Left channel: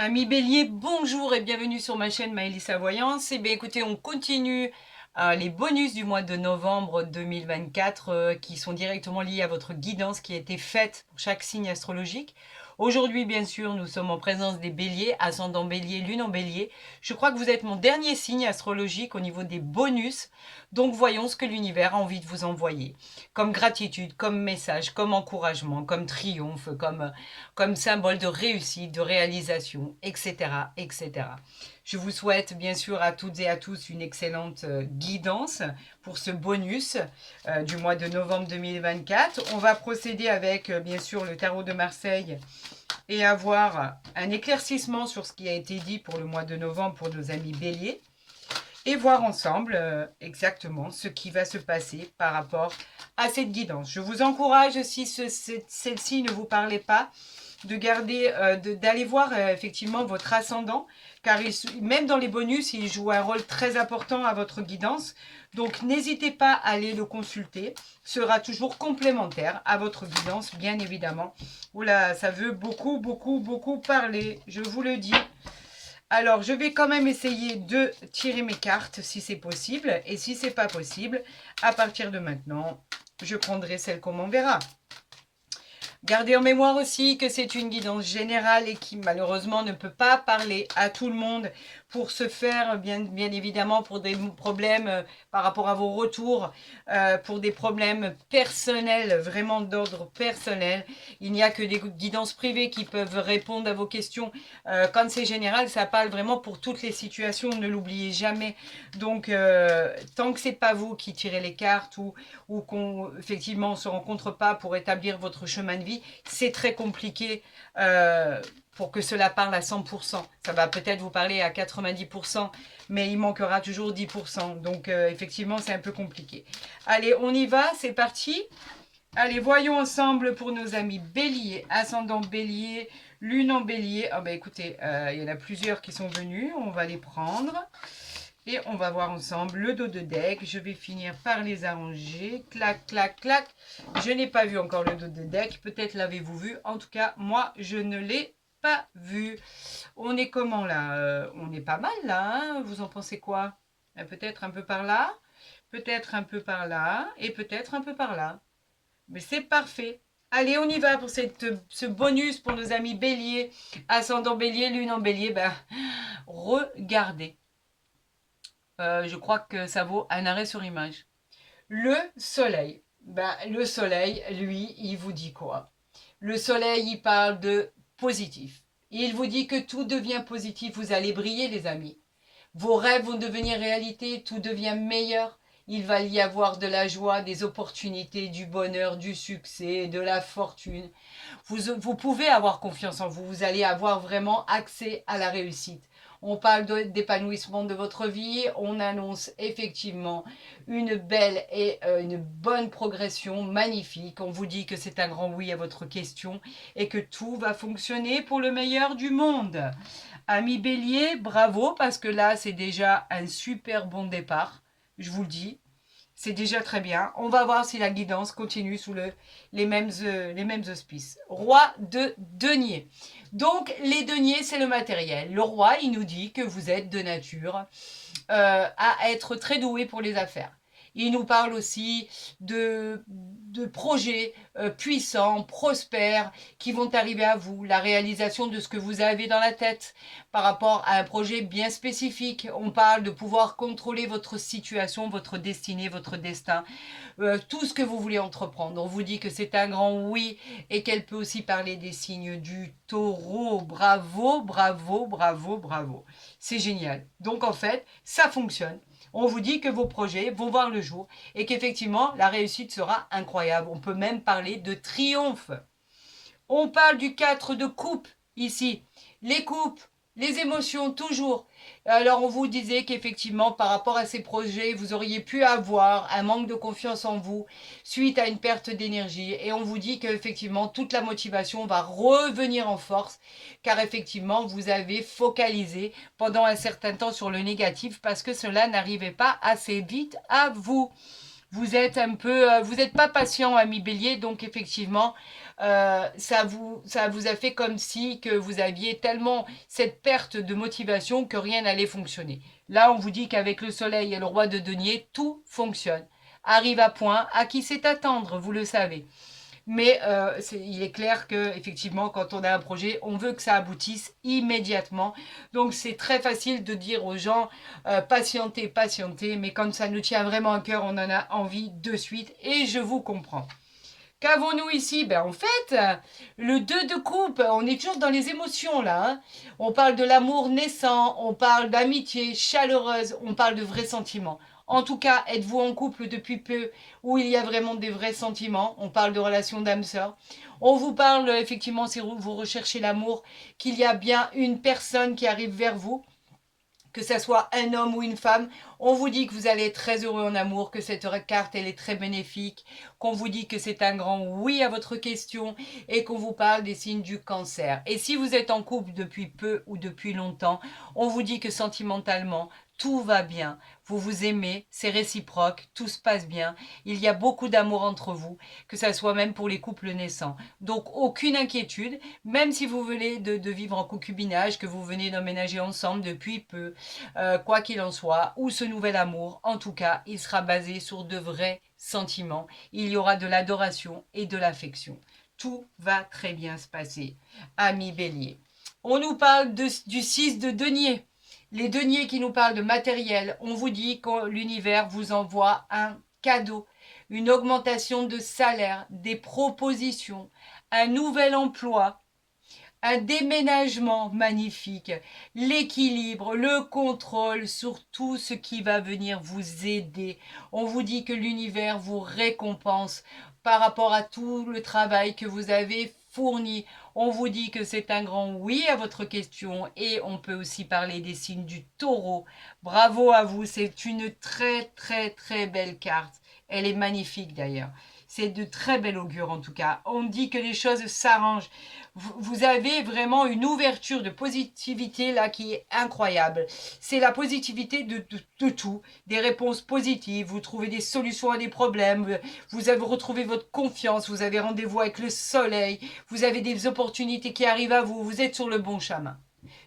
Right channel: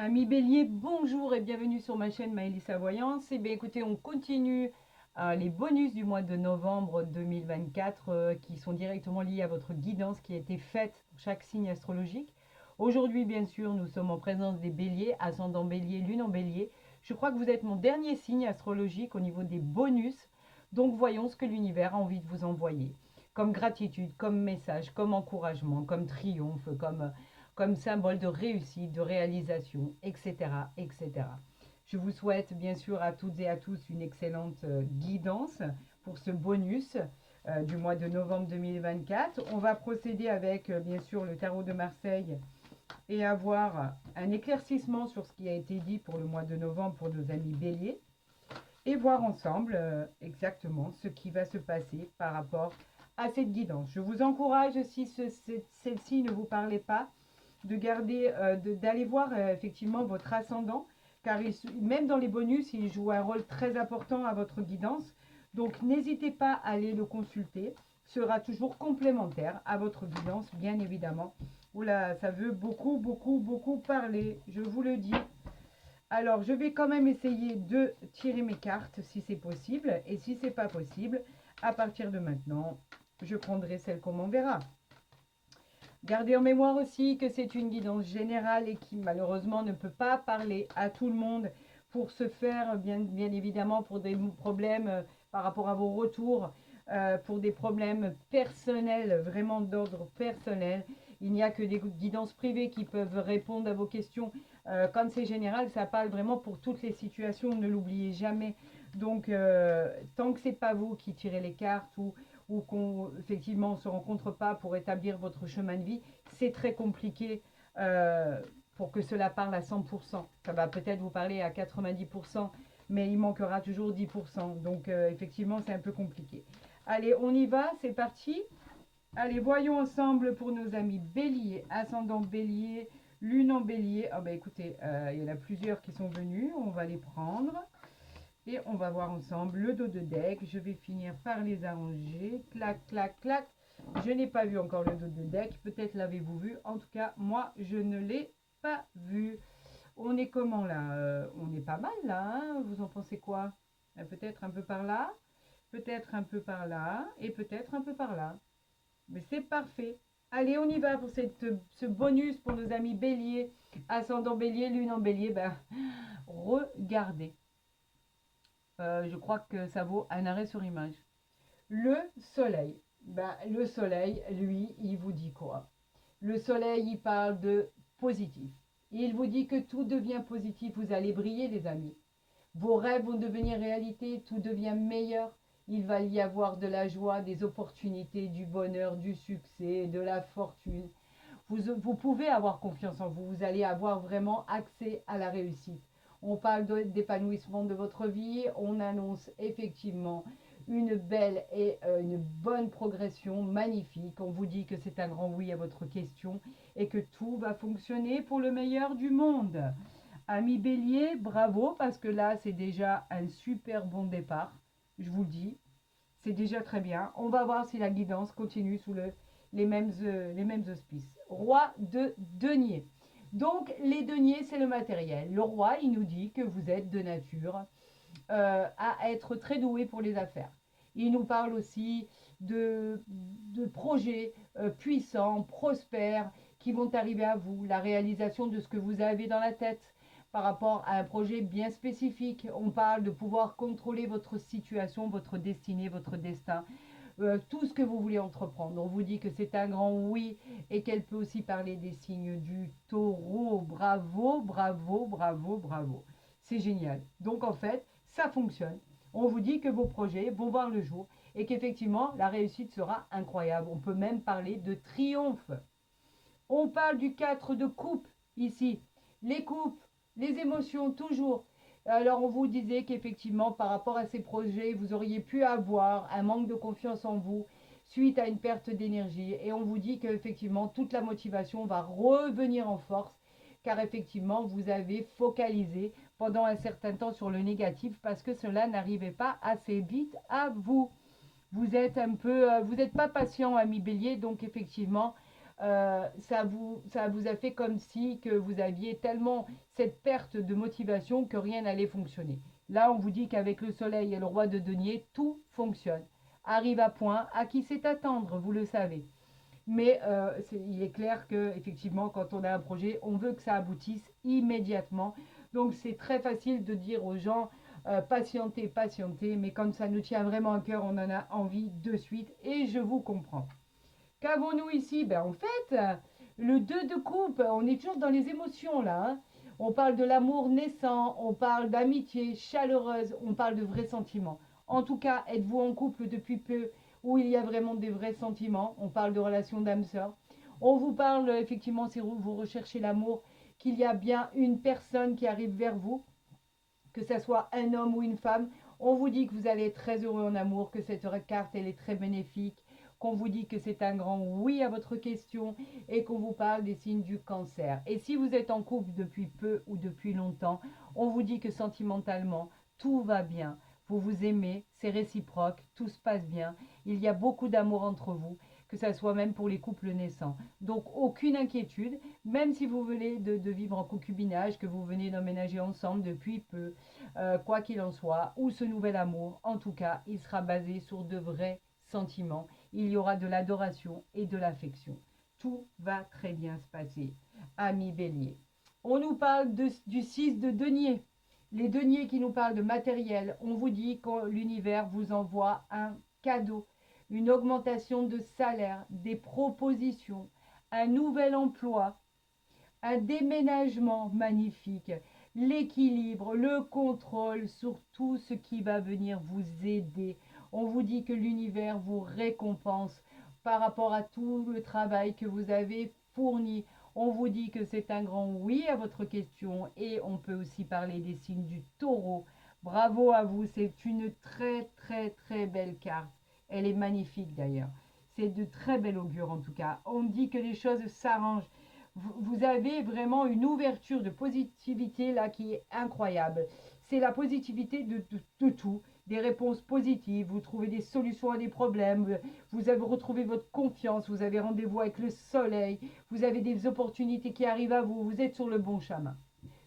Amis Bélier, bonjour et bienvenue sur ma chaîne Maëlys Voyance. Eh bien écoutez, on continue les bonus du mois de novembre 2024 qui sont directement liés à votre guidance qui a été faite pour chaque signe astrologique. Aujourd'hui, bien sûr, nous sommes en présence des béliers, ascendant bélier, lune en bélier. Je crois que vous êtes mon dernier signe astrologique au niveau des bonus. Donc voyons ce que l'univers a envie de vous envoyer. Comme gratitude, comme message, comme encouragement, comme triomphe, comme symbole de réussite, de réalisation, etc., etc. Je vous souhaite bien sûr à toutes et à tous une excellente guidance pour ce bonus du mois de novembre 2024. On va procéder avec bien sûr le tarot de Marseille et avoir un éclaircissement sur ce qui a été dit pour le mois de novembre pour nos amis béliers et voir ensemble exactement ce qui va se passer par rapport à cette guidance. Je vous encourage, si celle-ci ne vous parlait pas, de garder, d'aller voir effectivement votre ascendant, car même dans les bonus, il joue un rôle très important à votre guidance. Donc n'hésitez pas à aller le consulter, sera toujours complémentaire à votre guidance, bien évidemment. Oula, ça veut beaucoup, beaucoup, beaucoup parler, je vous le dis. Alors, je vais quand même essayer de tirer mes cartes si c'est possible. Et si c'est pas possible, à partir de maintenant, je prendrai celle qu'on m'enverra. Gardez en mémoire aussi que c'est une guidance générale et qui malheureusement ne peut pas parler à tout le monde pour se faire, bien évidemment, pour des problèmes par rapport à vos retours, pour des problèmes personnels, vraiment d'ordre personnel. Il n'y a que des guidances privées qui peuvent répondre à vos questions. Quand c'est général, ça parle vraiment pour toutes les situations, ne l'oubliez jamais. Donc, tant que c'est pas vous qui tirez les cartes ou qu'on effectivement on se rencontre pas pour établir votre chemin de vie, c'est très compliqué pour que cela parle à 100%. Ça va peut-être vous parler à 90%, mais il manquera toujours 10%. Donc effectivement, c'est un peu compliqué. Allez, on y va, c'est parti. Allez, voyons ensemble pour nos amis bélier, ascendant bélier, lune en bélier. Ah bah écoutez, il y en a plusieurs qui sont venus, on va les prendre. Et on va voir ensemble le dos de deck. Je vais finir par les arranger. Clac, clac, clac. Je n'ai pas vu encore le dos de deck. Peut-être l'avez-vous vu. En tout cas, moi, je ne l'ai pas vu. On est comment là On est pas mal là. Hein, vous en pensez quoi? Peut-être un peu par là. Peut-être un peu par là. Et peut-être un peu par là. Mais c'est parfait. Allez, on y va pour ce bonus pour nos amis bélier. Ascendant bélier, lune en bélier. Ben, regardez. Je crois que ça vaut un arrêt sur image. Le soleil. Le soleil, lui, il vous dit quoi? Le soleil, il parle de positif. Il vous dit que tout devient positif. Vous allez briller, les amis. Vos rêves vont devenir réalité. Tout devient meilleur. Il va y avoir de la joie, des opportunités, du bonheur, du succès, de la fortune. Vous pouvez avoir confiance en vous. Vous allez avoir vraiment accès à la réussite. On parle d'épanouissement de votre vie. On annonce effectivement une belle et une bonne progression magnifique. On vous dit que c'est un grand oui à votre question et que tout va fonctionner pour le meilleur du monde. Ami Bélier, bravo parce que là, c'est déjà un super bon départ. Je vous le dis. C'est déjà très bien. On va voir si la guidance continue sous les mêmes auspices. Roi de denier. Donc, les deniers, c'est le matériel. Le roi, il nous dit que vous êtes de nature à être très doué pour les affaires. Il nous parle aussi de projets puissants, prospères, qui vont arriver à vous, la réalisation de ce que vous avez dans la tête par rapport à un projet bien spécifique. On parle de pouvoir contrôler votre situation, votre destinée, votre destin, tout ce que vous voulez entreprendre. On vous dit que c'est un grand oui et qu'elle peut aussi parler des signes du taureau. Bravo, bravo, bravo, bravo. C'est génial. Donc en fait, ça fonctionne. On vous dit que vos projets vont voir le jour et qu'effectivement, la réussite sera incroyable. On peut même parler de triomphe. On parle du 4 de coupe ici. Les coupes, les émotions, toujours. Alors, on vous disait qu'effectivement, par rapport à ces projets, vous auriez pu avoir un manque de confiance en vous suite à une perte d'énergie. Et on vous dit qu'effectivement, toute la motivation va revenir en force, car effectivement, vous avez focalisé pendant un certain temps sur le négatif parce que cela n'arrivait pas assez vite à vous. Vous êtes un peu, vous n'êtes pas patient, ami Bélier, donc effectivement, ça vous a fait comme si que vous aviez tellement cette perte de motivation que rien n'allait fonctionner. Là, on vous dit qu'avec le soleil et le roi de denier, tout fonctionne. Arrive à point, à qui c'est attendre, vous le savez. Mais il est clair que effectivement, quand on a un projet, on veut que ça aboutisse immédiatement. Donc c'est très facile de dire aux gens patientez, patientez, mais quand ça nous tient vraiment à cœur, on en a envie de suite et je vous comprends. Qu'avons-nous ici? Ben, en fait, le 2 de coupe, on est toujours dans les émotions là. Hein. On parle de l'amour naissant, on parle d'amitié chaleureuse, on parle de vrais sentiments. En tout cas, êtes-vous en couple depuis peu où il y a vraiment des vrais sentiments? On parle de relations d'âme-sœur. On vous parle effectivement, si vous recherchez l'amour, qu'il y a bien une personne qui arrive vers vous, que ce soit un homme ou une femme, on vous dit que vous allez être très heureux en amour, que cette carte elle est très bénéfique, qu'on vous dit que c'est un grand oui à votre question et qu'on vous parle des signes du cancer. Et si vous êtes en couple depuis peu ou depuis longtemps, on vous dit que sentimentalement, tout va bien, vous vous aimez, c'est réciproque, tout se passe bien, il y a beaucoup d'amour entre vous, que ça soit même pour les couples naissants. Donc aucune inquiétude, même si vous venez de vivre en concubinage, que vous venez d'emménager ensemble depuis peu, quoi qu'il en soit, ou ce nouvel amour, en tout cas, il sera basé sur de vrais sentiments. Il y aura de l'adoration et de l'affection. Tout va très bien se passer. Ami Bélier. On nous parle du 6 de denier. Les deniers qui nous parlent de matériel. On vous dit que l'univers vous envoie un cadeau, une augmentation de salaire, des propositions, un nouvel emploi, un déménagement magnifique, l'équilibre, le contrôle sur tout ce qui va venir vous aider. On vous dit que l'univers vous récompense par rapport à tout le travail que vous avez fourni. On vous dit que c'est un grand oui à votre question et on peut aussi parler des signes du taureau. Bravo à vous, c'est une très très très belle carte. Elle est magnifique d'ailleurs. C'est de très bel augure en tout cas. On dit que les choses s'arrangent. Vous avez vraiment une ouverture de positivité là qui est incroyable. C'est la positivité de tout, des réponses positives, vous trouvez des solutions à des problèmes, vous avez retrouvé votre confiance, vous avez rendez-vous avec le soleil, vous avez des opportunités qui arrivent à vous, vous êtes sur le bon chemin.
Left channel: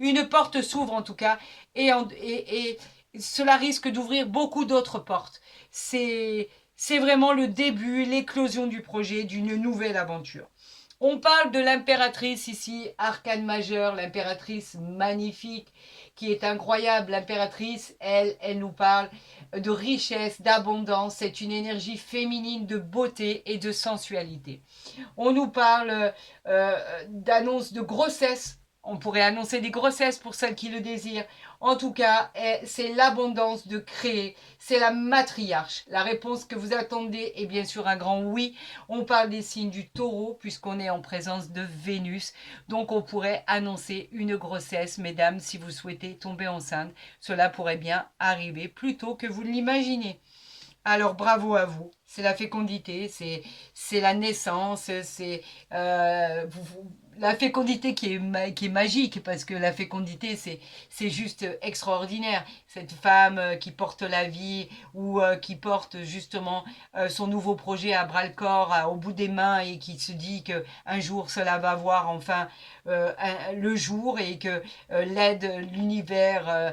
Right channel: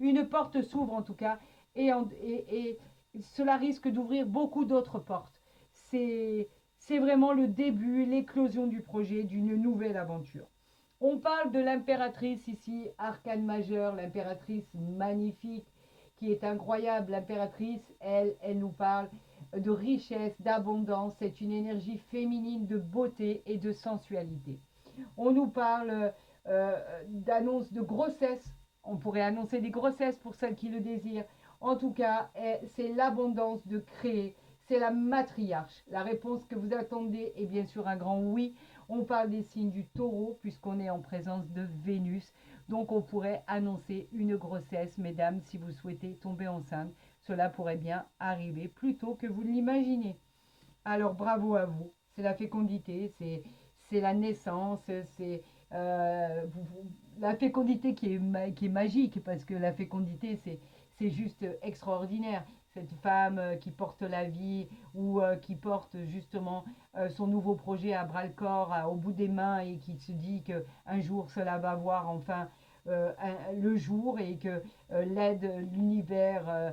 Une porte s'ouvre en tout cas et cela risque d'ouvrir beaucoup d'autres portes. C'est vraiment le début, l'éclosion du projet, d'une nouvelle aventure. On parle de l'impératrice ici, arcane majeur, l'impératrice magnifique, qui est incroyable. L'impératrice, elle nous parle de richesse, d'abondance. C'est une énergie féminine de beauté et de sensualité. On nous parle d'annonce de grossesse. On pourrait annoncer des grossesses pour celles qui le désirent. En tout cas, c'est l'abondance de créer. C'est la matriarche. La réponse que vous attendez est bien sûr un grand oui. On parle des signes du taureau puisqu'on est en présence de Vénus. Donc on pourrait annoncer une grossesse, mesdames, si vous souhaitez tomber enceinte. Cela pourrait bien arriver plus tôt que vous ne l'imaginez. Alors bravo à vous. C'est la fécondité, c'est la naissance, c'est la fécondité qui est magique parce que la fécondité c'est juste extraordinaire. Cette femme qui porte la vie ou qui porte justement son nouveau projet à bras le corps, au bout des mains et qui se dit que un jour cela va voir enfin le jour et que l'aide, l'univers,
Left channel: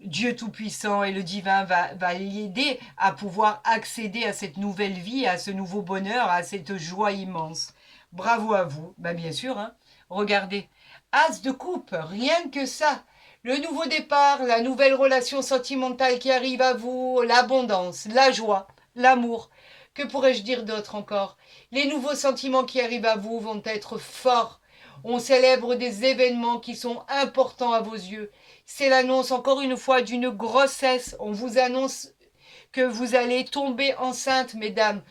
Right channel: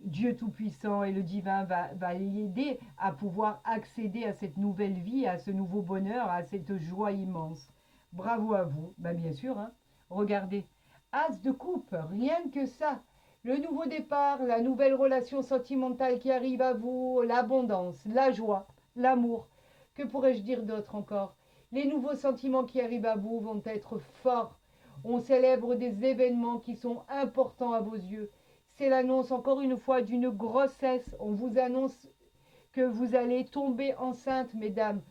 Dieu Tout-Puissant et le divin va l'aider à pouvoir accéder à cette nouvelle vie, à ce nouveau bonheur, à cette joie immense. Bravo à vous, bah bien sûr, hein. Regardez, As de coupe, rien que ça. Le nouveau départ, la nouvelle relation sentimentale qui arrive à vous, l'abondance, la joie, l'amour. Que pourrais-je dire d'autre encore? Les nouveaux sentiments qui arrivent à vous vont être forts. On célèbre des événements qui sont importants à vos yeux. C'est l'annonce encore une fois d'une grossesse. On vous annonce que vous allez tomber enceinte, mesdames.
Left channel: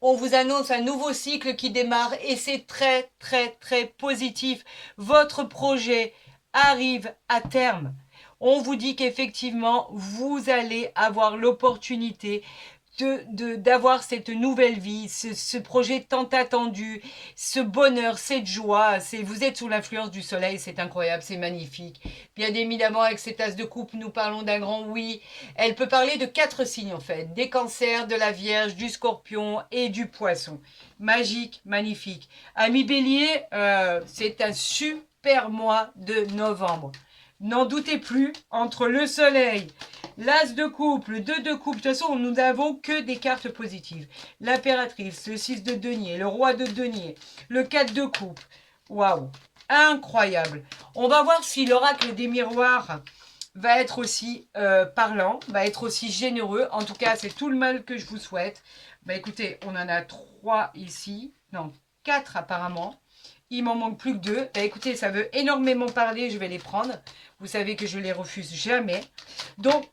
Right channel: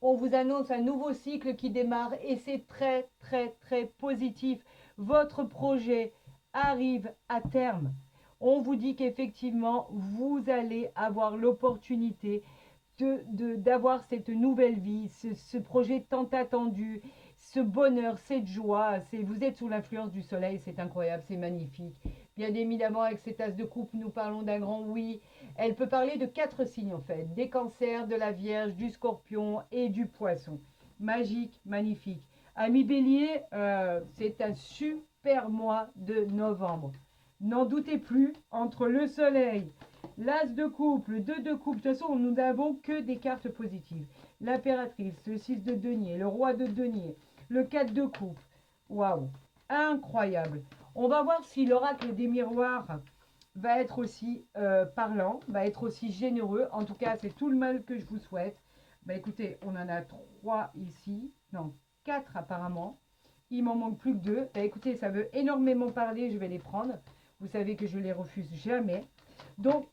On vous annonce un nouveau cycle qui démarre et c'est très très très positif. Votre projet arrive à terme. On vous dit qu'effectivement, vous allez avoir l'opportunité d'avoir cette nouvelle vie, ce projet tant attendu, ce bonheur, cette joie. Vous êtes sous l'influence du soleil, c'est incroyable, c'est magnifique. Bien évidemment, avec cette as de coupe, nous parlons d'un grand oui. Elle peut parler de 4 signes en fait, des cancers, de la Vierge, du Scorpion et du Poisson. Magique, magnifique. Ami Bélier, c'est un super mois de novembre. N'en doutez plus, entre le soleil, l'as de coupe, le 2 de coupe, de toute façon, nous n'avons que des cartes positives. L'impératrice, le 6 de denier, le roi de denier, le 4 de coupe. Waouh, incroyable. On va voir si l'oracle des miroirs va être aussi parlant, va être aussi généreux. En tout cas, c'est tout le mal que je vous souhaite. Bah écoutez, on en a 3 ici, non, 4 apparemment. Il m'en manque plus que 2. Bah écoutez, ça veut énormément parler, je vais les prendre. Vous savez que je les refuse jamais. Donc,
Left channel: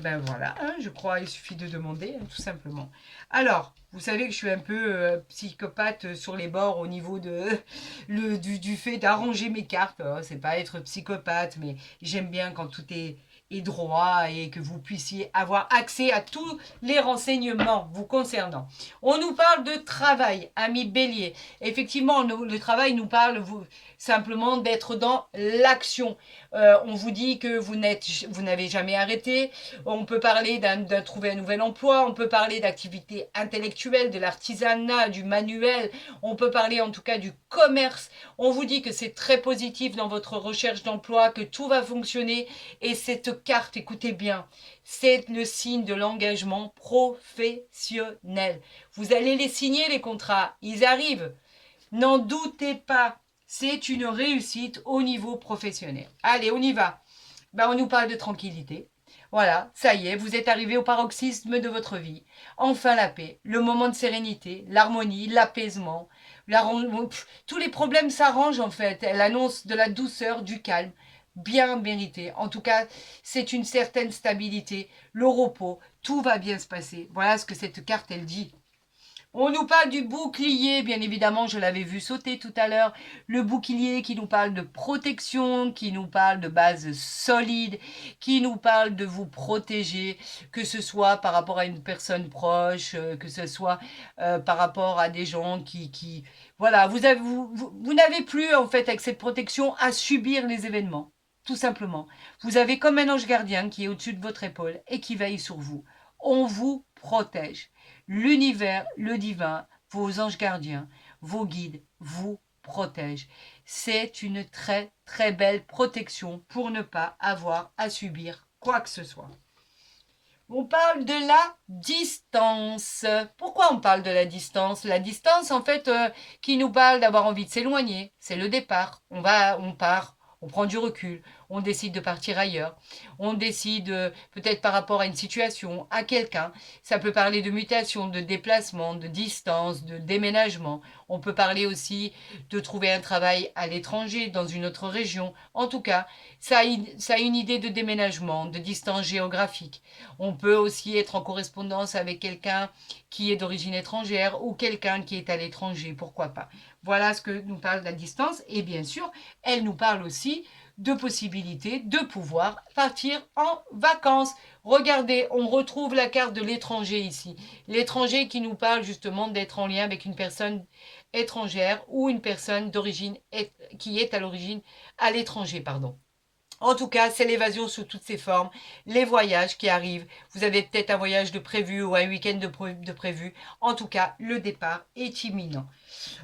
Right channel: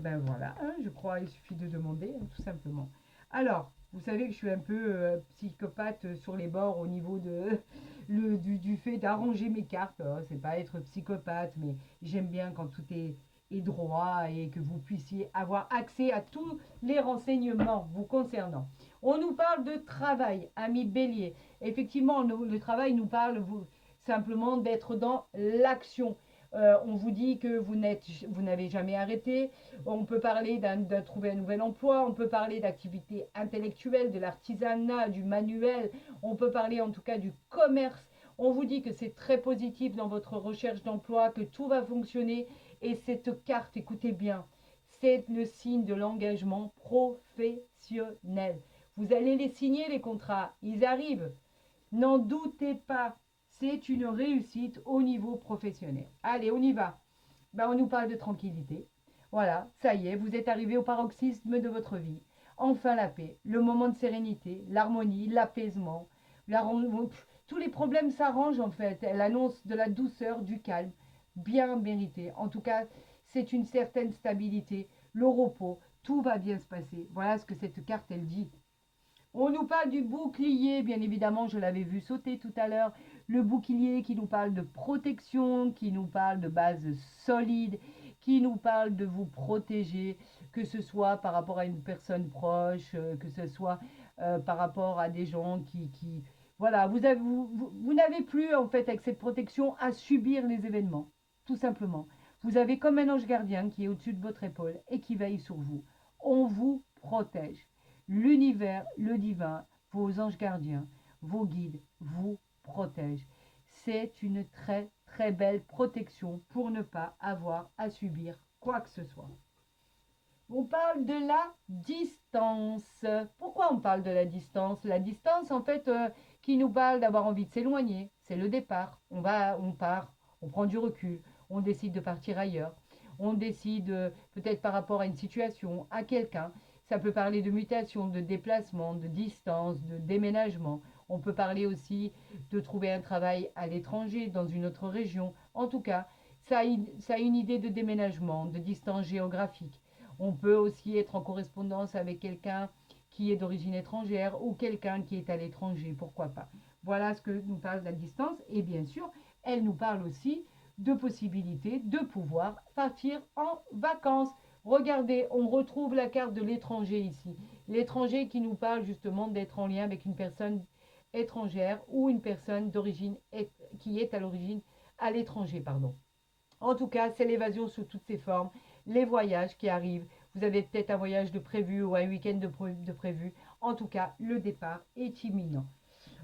ben voilà, hein, je crois il suffit de demander, hein, tout simplement. Alors, vous savez que je suis un peu psychopathe sur les bords au niveau du fait d'arranger mes cartes. C'est pas être psychopathe, mais j'aime bien quand tout est droit et que vous puissiez avoir accès à tous les renseignements vous concernant. On nous parle de travail, ami Bélier. Effectivement, le travail nous parle simplement d'être dans l'action. On vous dit que vous n'avez jamais arrêté. On peut parler de trouver un nouvel emploi. On peut parler d'activités intellectuelles, de l'artisanat, du manuel. On peut parler en tout cas du commerce. On vous dit que c'est très positif dans votre recherche d'emploi, que tout va fonctionner. Et cette carte, écoutez bien, c'est le signe de l'engagement professionnel. Vous allez les signer, les contrats. Ils arrivent. N'en doutez pas. C'est une réussite au niveau professionnel. Allez, on y va. Ben, on nous parle de tranquillité. Voilà, ça y est, vous êtes arrivé au paroxysme de votre vie. Enfin la paix, le moment de sérénité, l'harmonie, l'apaisement. Tous les problèmes s'arrangent en fait. Elle annonce de la douceur, du calme, bien mérité. En tout cas, c'est une certaine stabilité, le repos, tout va bien se passer. Voilà ce que cette carte, elle dit. On nous parle du bouclier, bien évidemment, je l'avais vu sauter tout à l'heure. Le bouclier qui nous parle de protection, qui nous parle de base solide, qui nous parle de vous protéger, que ce soit par rapport à une personne proche, que ce soit par rapport à des gens voilà, vous n'avez plus, en fait, avec cette protection, à subir les événements, tout simplement. Vous avez comme un ange gardien qui est au-dessus de votre épaule et qui veille sur vous. On vous protège. L'univers, le divin, vos anges gardiens, vos guides vous protègent. C'est une très très belle protection pour ne pas avoir à subir quoi que ce soit. On parle de la distance. Pourquoi on parle de la distance? La distance, en fait, qui nous parle d'avoir envie de s'éloigner, c'est le départ. On part, on prend du recul, on décide de partir ailleurs, on décide peut-être par rapport à une situation, à quelqu'un. Ça peut parler de mutation, de déplacement, de distance, de déménagement. On peut parler aussi de trouver un travail à l'étranger, dans une autre région. En tout cas, ça a une idée de déménagement, de distance géographique. On peut aussi être en correspondance avec quelqu'un qui est d'origine étrangère ou quelqu'un qui est à l'étranger, pourquoi pas. Voilà ce que nous parle la distance. Et bien sûr, elle nous parle aussi de possibilités de pouvoir partir en vacances. Regardez, on retrouve la carte de l'étranger ici. L'étranger qui nous parle justement d'être en lien avec une personne étrangère ou une personne d'origine qui est à l'origine à l'étranger, pardon. En tout cas, c'est l'évasion sous toutes ses formes, les voyages qui arrivent. Vous avez peut-être un voyage de prévu ou un week-end de prévu. En tout cas, le départ est imminent.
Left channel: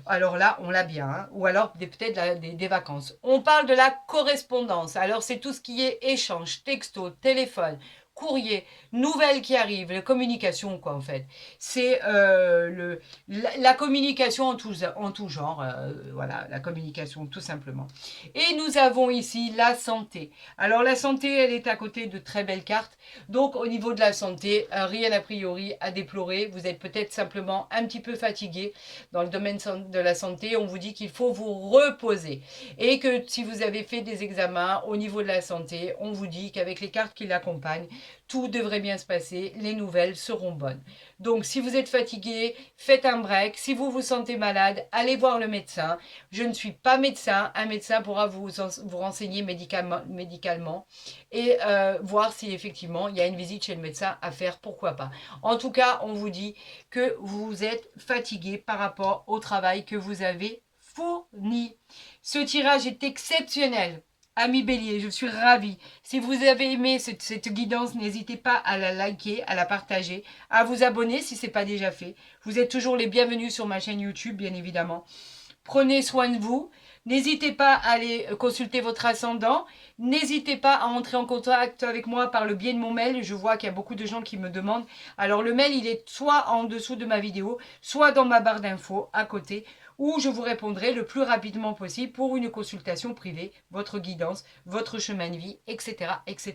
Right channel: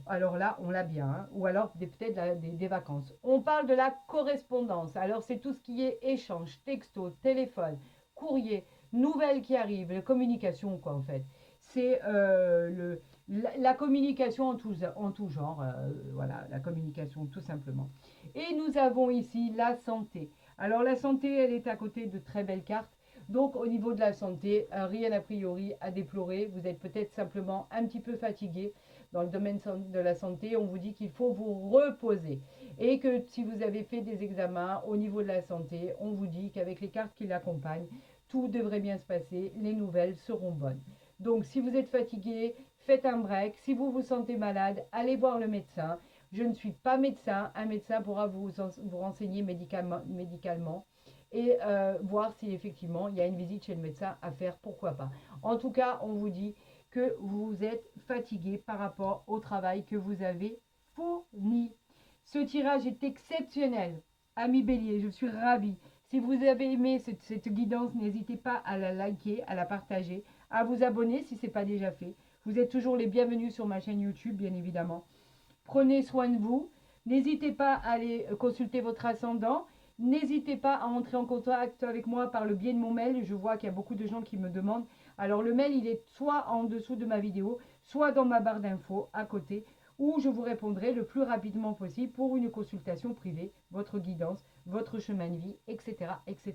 Alors là, on l'a bien. Hein. Ou alors peut-être des vacances. On parle de la correspondance. Alors c'est tout ce qui est échange, texto, téléphone, courrier, nouvelles qui arrivent, la communication quoi en fait. C'est la communication en tout genre. Voilà, la communication tout simplement. Et nous avons ici la santé. Alors la santé, elle est à côté de très belles cartes. Donc au niveau de la santé, rien a priori à déplorer. Vous êtes peut-être simplement un petit peu fatigué. Dans le domaine de la santé, on vous dit qu'il faut vous reposer. Et que si vous avez fait des examens au niveau de la santé, on vous dit qu'avec les cartes qui l'accompagnent, tout devrait bien se passer, les nouvelles seront bonnes. Donc, si vous êtes fatigué, faites un break. Si vous vous sentez malade, allez voir le médecin. Je ne suis pas médecin. Un médecin pourra vous renseigner médicalement et voir si effectivement il y a une visite chez le médecin à faire, pourquoi pas. En tout cas, on vous dit que vous êtes fatigué par rapport au travail que vous avez fourni. Ce tirage est exceptionnel. Ami Bélier, je suis ravie. Si vous avez aimé cette guidance, n'hésitez pas à la liker, à la partager, à vous abonner si ce n'est pas déjà fait. Vous êtes toujours les bienvenus sur ma chaîne YouTube, bien évidemment. Prenez soin de vous. N'hésitez pas à aller consulter votre ascendant. N'hésitez pas à entrer en contact avec moi par le biais de mon mail. Je vois qu'il y a beaucoup de gens qui me demandent. Alors le mail, il est soit en dessous de ma vidéo, soit dans ma barre d'infos à côté, où je vous répondrai le plus rapidement possible pour une consultation privée, votre guidance, votre chemin de vie, etc. etc.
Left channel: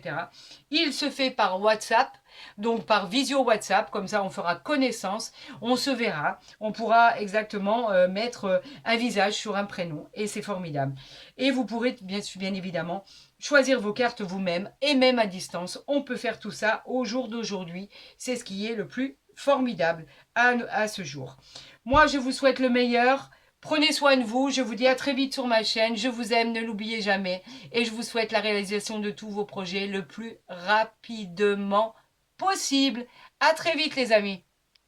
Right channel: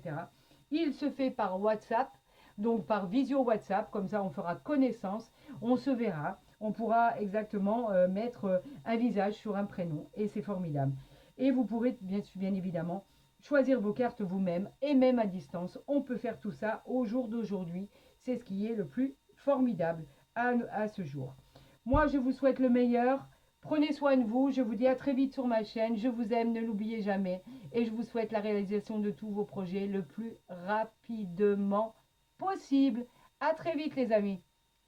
Il se fait par WhatsApp, donc par visio WhatsApp, comme ça on fera connaissance, on se verra, on pourra exactement mettre un visage sur un prénom et c'est formidable. Et vous pourrez bien évidemment choisir vos cartes vous-même et même à distance. On peut faire tout ça au jour d'aujourd'hui. C'est ce qui est le plus formidable à ce jour. Moi, je vous souhaite le meilleur. Prenez soin de vous. Je vous dis à très vite sur ma chaîne. Je vous aime, ne l'oubliez jamais. Et je vous souhaite la réalisation de tous vos projets le plus rapidement possible. À très vite les amis.